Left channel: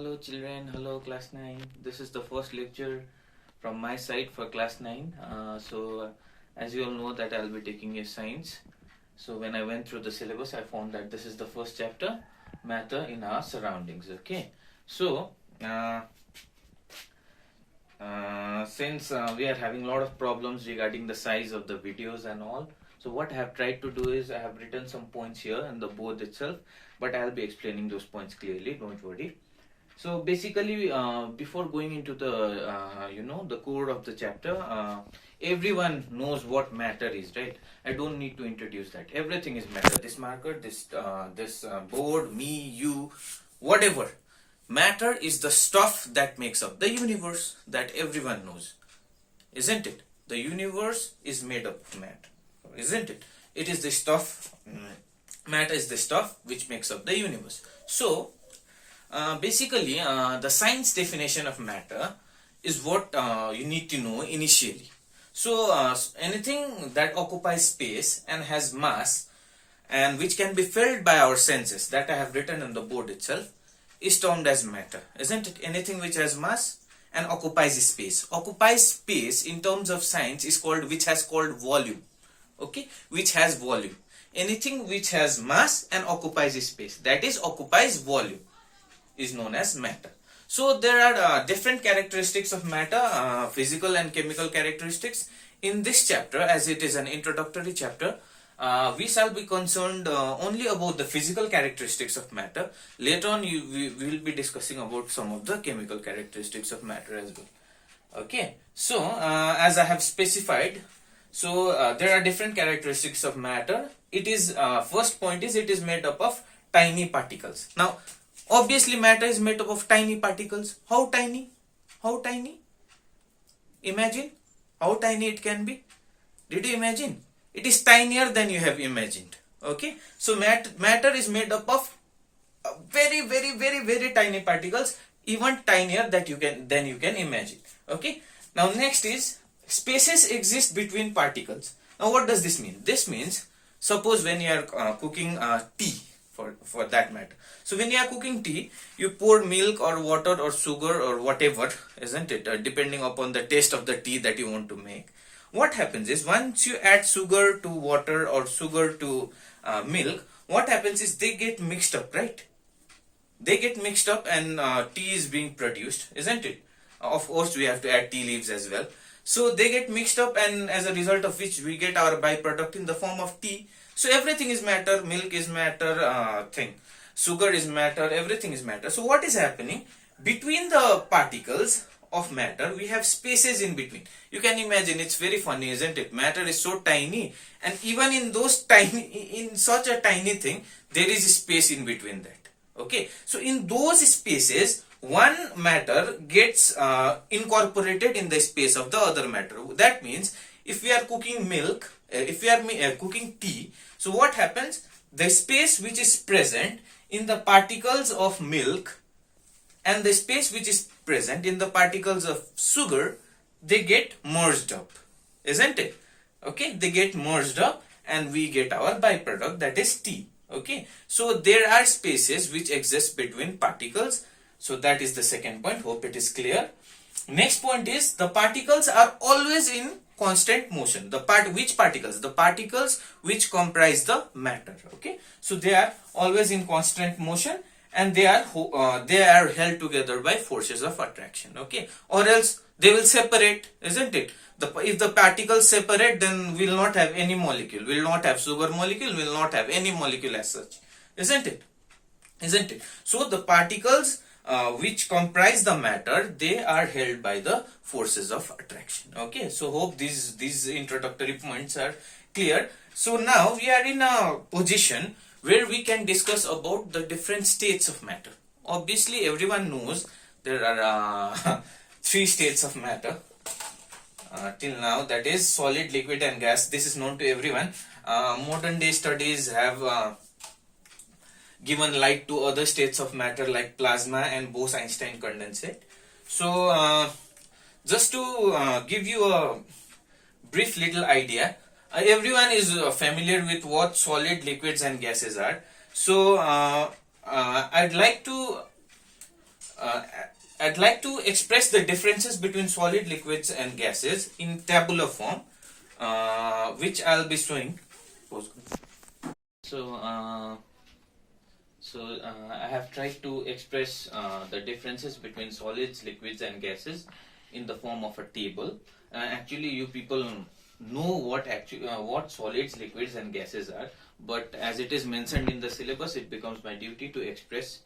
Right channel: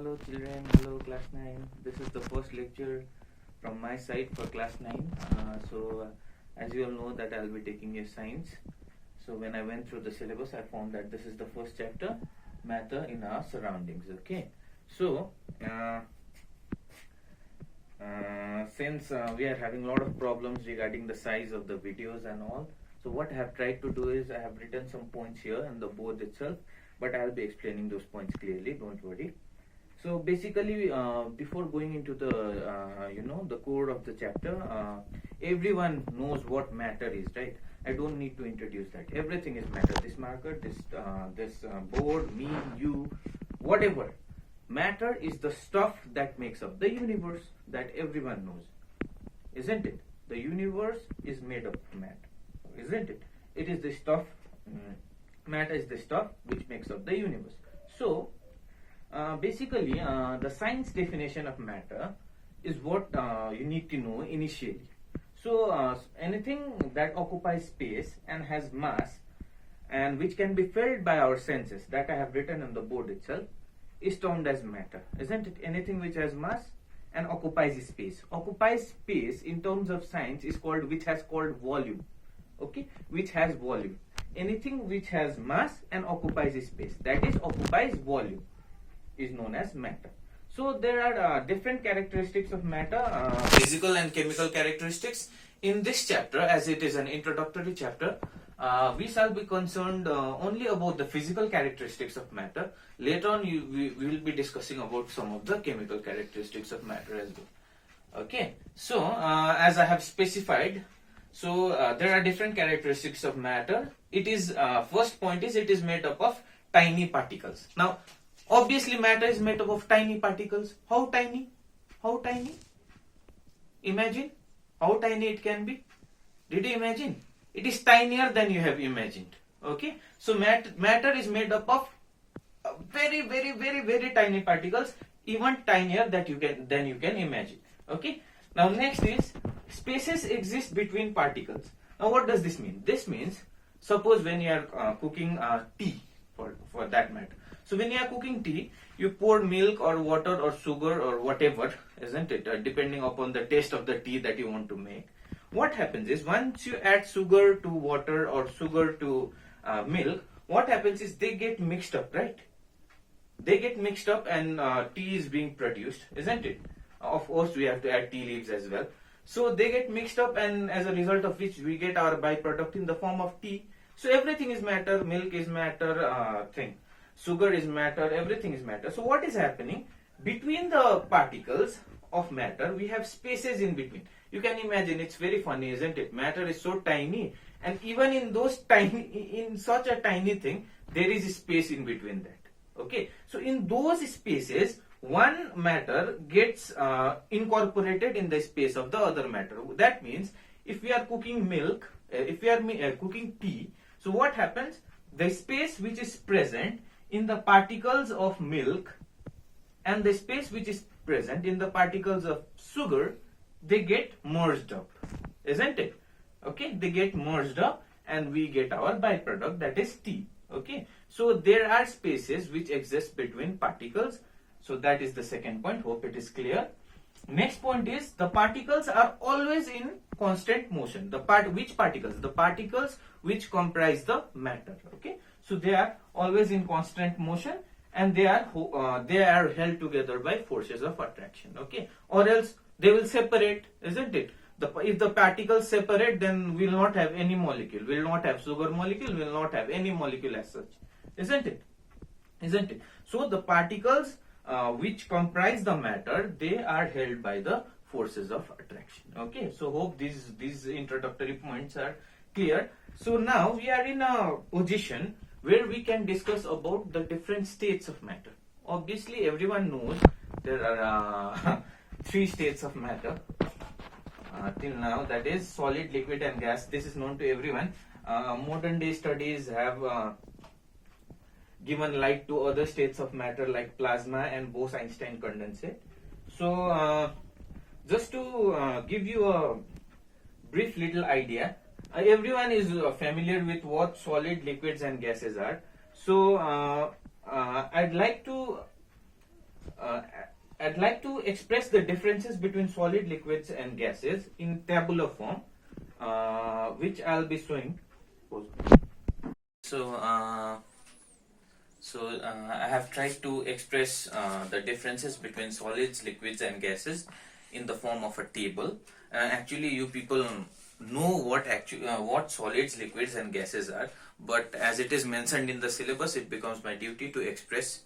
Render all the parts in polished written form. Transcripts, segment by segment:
Hello children, hello class 9. This is the first lecture from my side for class 9. As you all know that I'll be taking a science. So when I went through the syllabus, I found that this is the first chapter, matter in our surroundings. Okay. So since we are having a lot of problems regarding the size of the videos and all, so what I have tried to do is I have written some points here on the board itself, but I'll be explaining those points clearly, don't worry. So basically, before going into the the core of the chapter, everyone knows what matter is, right? I don't need to introduce that. Everything is matter. This marker, this board, me, you, whatever. Matter is the stuff that makes up the universe, that everyone knows, isn't it? The universe is made up of matter, isn't it? It is the stuff. Matter is the stuff which makes up the universe. So basically, the science definition of matter is what you need to know initially. So anything that occupies space and has mass and which can be felt by our senses, that I have written on the board itself, is termed as matter, isn't it? Anything which has mass and occupies space. Occupies space in terms of science is called, which has called volume. Okay, which has volume. Anything which has mass and occupies space, that is occupies volume, is known as matter. So there are different characteristics of matter, physical and chemical characteristics. In this chapter, as it is an introductory chapter, we shall be concerned only about the physical characteristics of matter. Later on, we will be discussing about some of the chemical characteristics of matter as well. Okay, so as I have specified, so there are different characteristics of matter. It is first point is it is made up of tiny particles. Now, obviously, matter is made up of tiny particles. How tiny? How tiny? Imagine how tiny it can be. Did you imagine? It is tinier than you have imagined. Okay. So matter is made up of very, very, very, very tiny particles, even tinier than you can imagine. Okay. Now next is spaces exist between particles. Now what does this mean? This means suppose when you are cooking tea, for that matter. So when you are cooking tea, you pour milk or water or sugar or whatever, isn't it? Depending upon the taste of the tea that you want to make. What happens is once you add sugar to water or sugar to milk, what happens is they get mixed up, right? They get mixed up and tea is being produced, isn't it? Of course, we have to add tea leaves as well. So they get mixed up, and as a result of which we get our byproduct in the form of tea. So everything is matter, milk is matter, sugar is matter, everything is matter. So what is happening? Between the particles of matter, we have spaces in between. You can imagine, it's very funny, isn't it? Matter is so tiny, and even in such a tiny thing, there is space in between that. Okay, so in those spaces, one matter gets incorporated in the space of the other matter. That means if we are cooking milk, if we are cooking tea, so what happens? The space which is present in the particles of milk and the space which is present in the particles of sugar, they get merged up, isn't it? Okay, they get merged up and we get our byproduct, that is tea. Okay, so there are spaces which exist between particles. So that is the second point. Hope it is clear. Next point is the particles are always in constant motion. Which particles? The particles which comprise the matter. Okay, so they are always in constant motion and they are held together by forces of attraction. Okay, or else they will separate, isn't it? If the particles separate, then we will not have any molecule. We will not have sugar molecule. We will not have any molecule as such, isn't it? Isn't it? So the particles which comprise the matter, they are held by the forces of attraction. Okay, so hope these introductory points are clear. So now we are in a position where we can discuss about the different states of matter. Obviously, everyone knows there are three states of matter till now, that is solid, liquid and gas. This is known to everyone. Modern day studies have given light to other states of matter like plasma and Bose-Einstein condensate. So just to give you a brief little idea, everyone is familiar with what solid, liquids and gases are. So I'd like to I'd like to express the differences between solid, liquids and gases in tabular form, which I'll be showing. So, I have tried to express the differences between solids, liquids and gases in the form of a table. Actually, you people know what solids, liquids and gases are, but as it is mentioned in the syllabus, it becomes my duty to express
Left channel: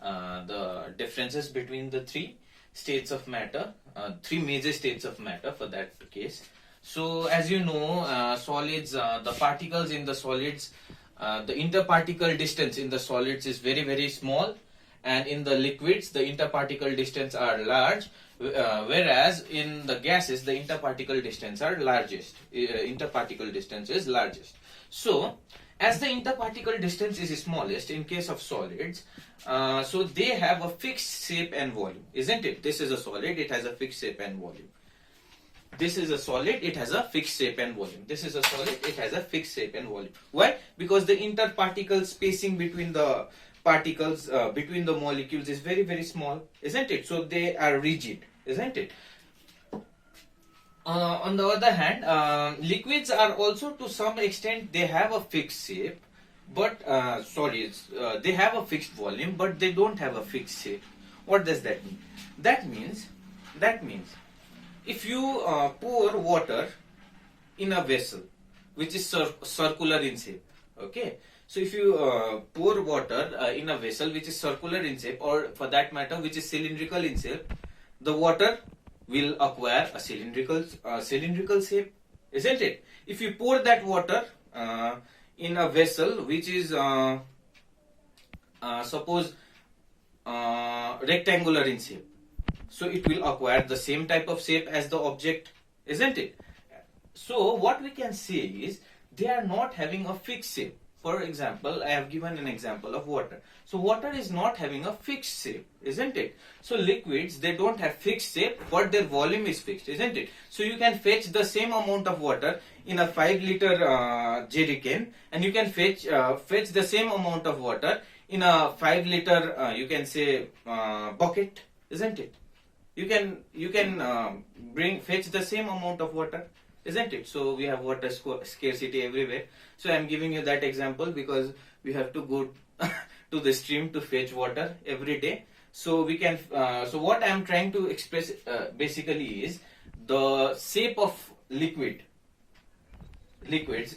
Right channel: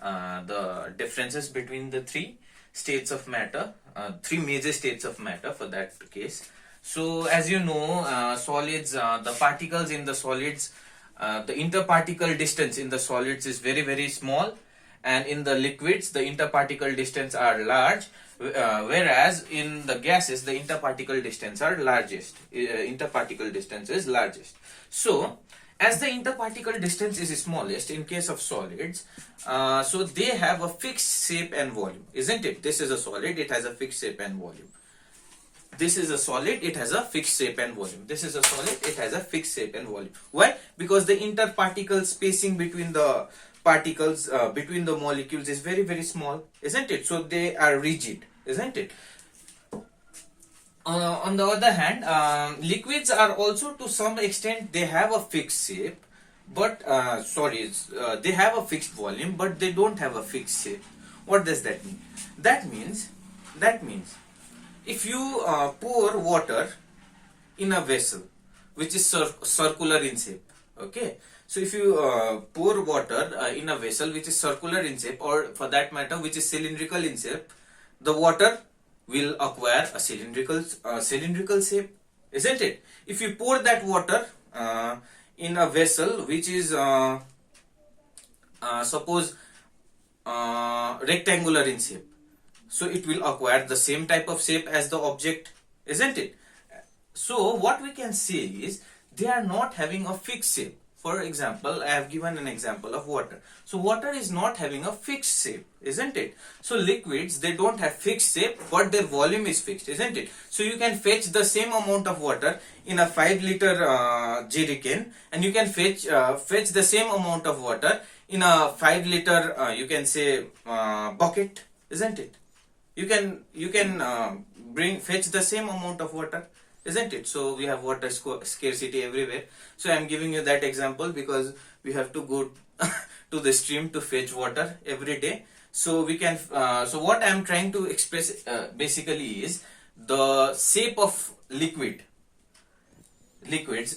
the differences between the three states of matter, three major states of matter for that case. So as you know, solids, the particles in the solids, the interparticle distance in the solids is very small, and in the liquids the interparticle distance are large, whereas in the gases the interparticle distance are largest. Interparticle distance is largest. So as the interparticle distance is smallest in case of solids, so they have a fixed shape and volume, isn't it? This is a solid, it has a fixed shape and volume. This is a solid, it has a fixed shape and volume. This is a solid, it has a fixed shape and volume. Why? Because the interparticle spacing between the particles, between the molecules is very small, isn't it? So they are rigid, isn't it? On the other hand, liquids are also to some extent, they have a fixed shape, but they have a fixed volume, but they don't have a fixed shape. What does that mean? That means if you pour water in a vessel which is circular in shape, okay, so if you pour water in a vessel which is circular in shape, or for that matter which is cylindrical in shape, the water will acquire a cylindrical shape, isn't it? If you pour that water in a vessel which is suppose rectangular in shape, so it will acquire the same type of shape as the object, isn't it? So what we can say is they are not having a fixed shape. For example, I have given an example of water. So water is not having a fixed shape, isn't it? So liquids, they don't have fixed shape, but their volume is fixed, isn't it? So you can fetch the same amount of water in a 5-liter jerrycan, and you can fetch the same amount of water in a 5-liter you can say bucket, isn't it? You can fetch the same amount of water, isn't it? So we have water scarcity everywhere. So I am giving you that example because we have to go to the stream to fetch water every day. So we can. So what I am trying to express basically is the shape of liquids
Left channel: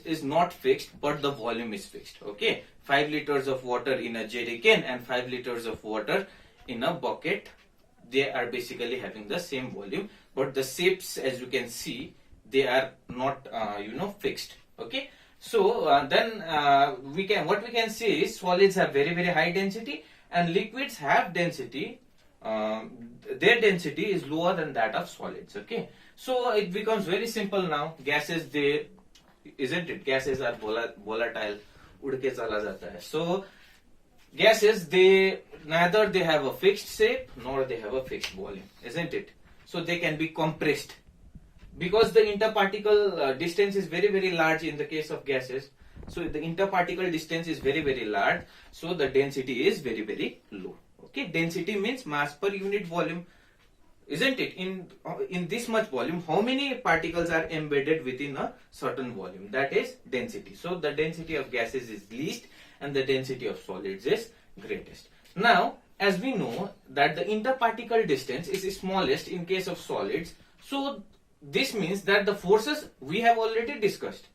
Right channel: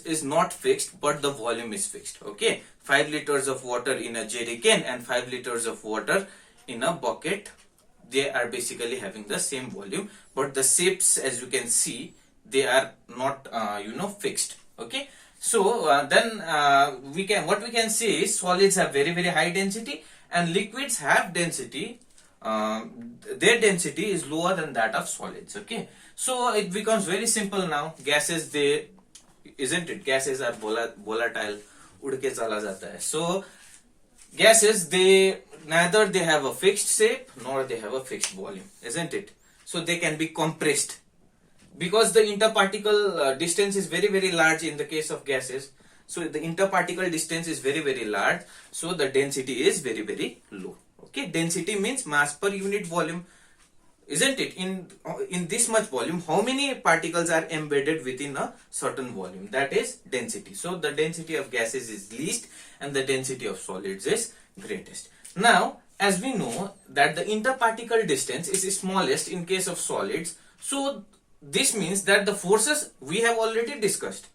is not fixed, but the volume is fixed. Okay, 5 liters of water in a jerrycan and 5 liters of water in a bucket, they are basically having the same volume, but the shapes, as you can see, they are not fixed. Okay, so what we can say is solids have very high density and liquids have density, their density is lower than that of solids. Okay, so it becomes very simple now. Gases, they, isn't it, gases are volatile, उड़ के चला जाता है. So gases, neither they have a fixed shape nor they have a fixed volume, isn't it? So they can be compressed because the interparticle distance is very large in the case of gases. So the interparticle distance is very large, so the density is very low. Okay, density means mass per unit volume, isn't it? In this much volume, how many particles are embedded within a certain volume? That is density. So the density of gases is least and the density of solids is greatest. Now, as we know that the interparticle distance is smallest in case of solids, so this means that the forces we have already discussed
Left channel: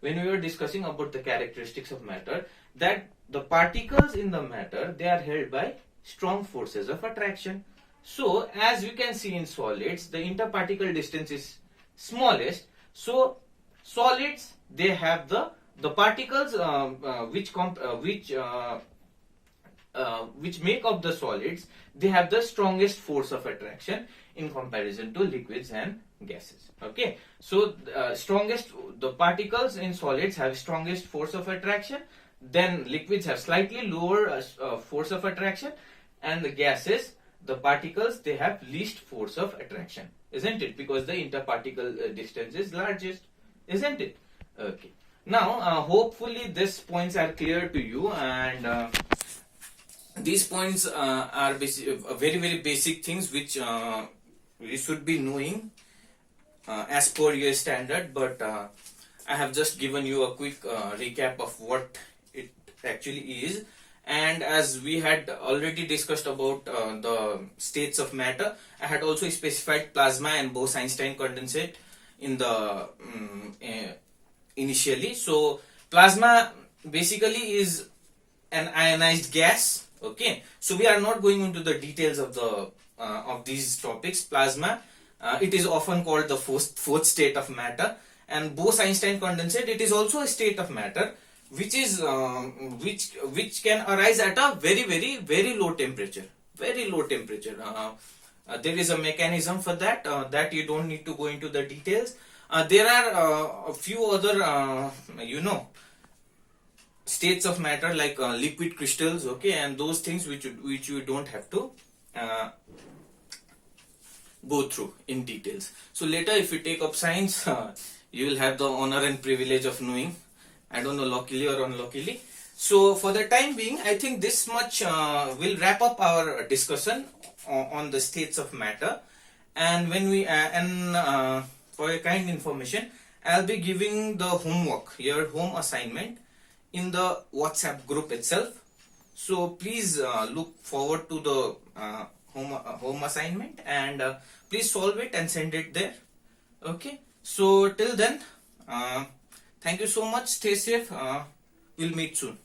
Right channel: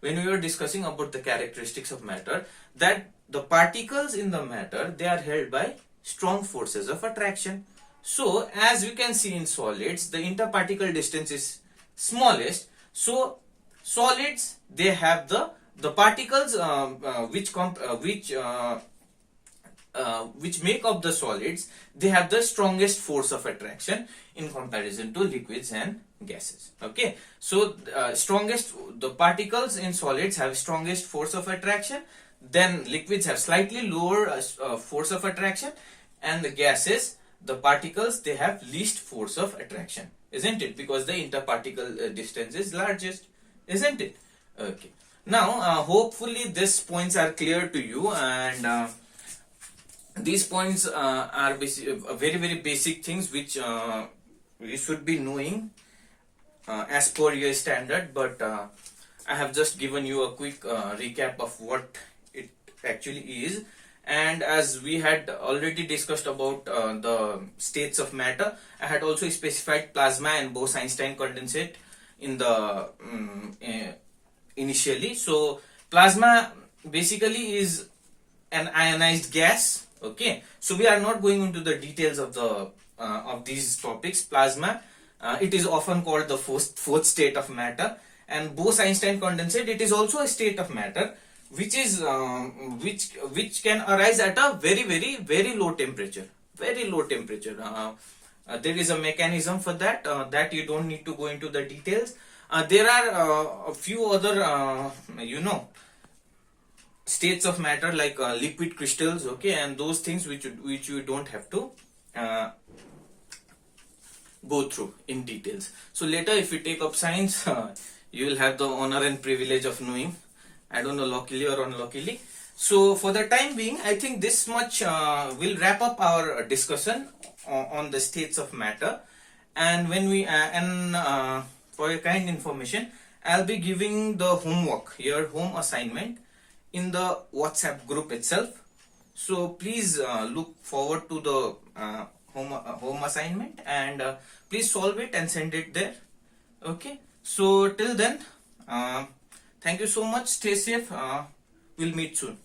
when we were discussing about the characteristics of matter, that the particles in the matter, they are held by strong forces of attraction. So as you can see in solids, the interparticle distance is smallest. So solids, they have the particles which make up the solids, they have the strongest force of attraction in comparison to liquids and gases. Okay, so the particles in solids have strongest force of attraction, then liquids have slightly lower force of attraction, and the gases, the particles, they have least force of attraction, isn't it? Because the interparticle distance is largest, isn't it? Okay, now hopefully these points are clear to you, and these points are very very basic things which you should be knowing as per your standard, but I have just given you a quick recap of what it actually is. And as we had already discussed about the states of matter, I had also specified plasma and Bose-Einstein condensate in the initially. So plasma basically is an ionized gas. Okay, so we are not going into the details of these topics. Plasma, it is often called the fourth state of matter, and Bose-Einstein condensate, it is also a state of matter which is which can arise at a very low temperature, very low temperature. There is a mechanism for that that you don't need to go into the details. There are a few other states of matter like liquid crystals, okay, and those things which you don't have to uh, go through in details. So later, if you take up science, you will have the honor and privilege of knowing. I don't know, luckily or unluckily. So for the time being, I think this much will wrap up our discussion on the states of matter. And when we for your kind information, I'll be giving the homework, your home assignment, in the WhatsApp group itself. So please look forward to the home assignment, and please solve it and send it there. Okay. So till then, thank you so much. Stay safe. We'll meet soon.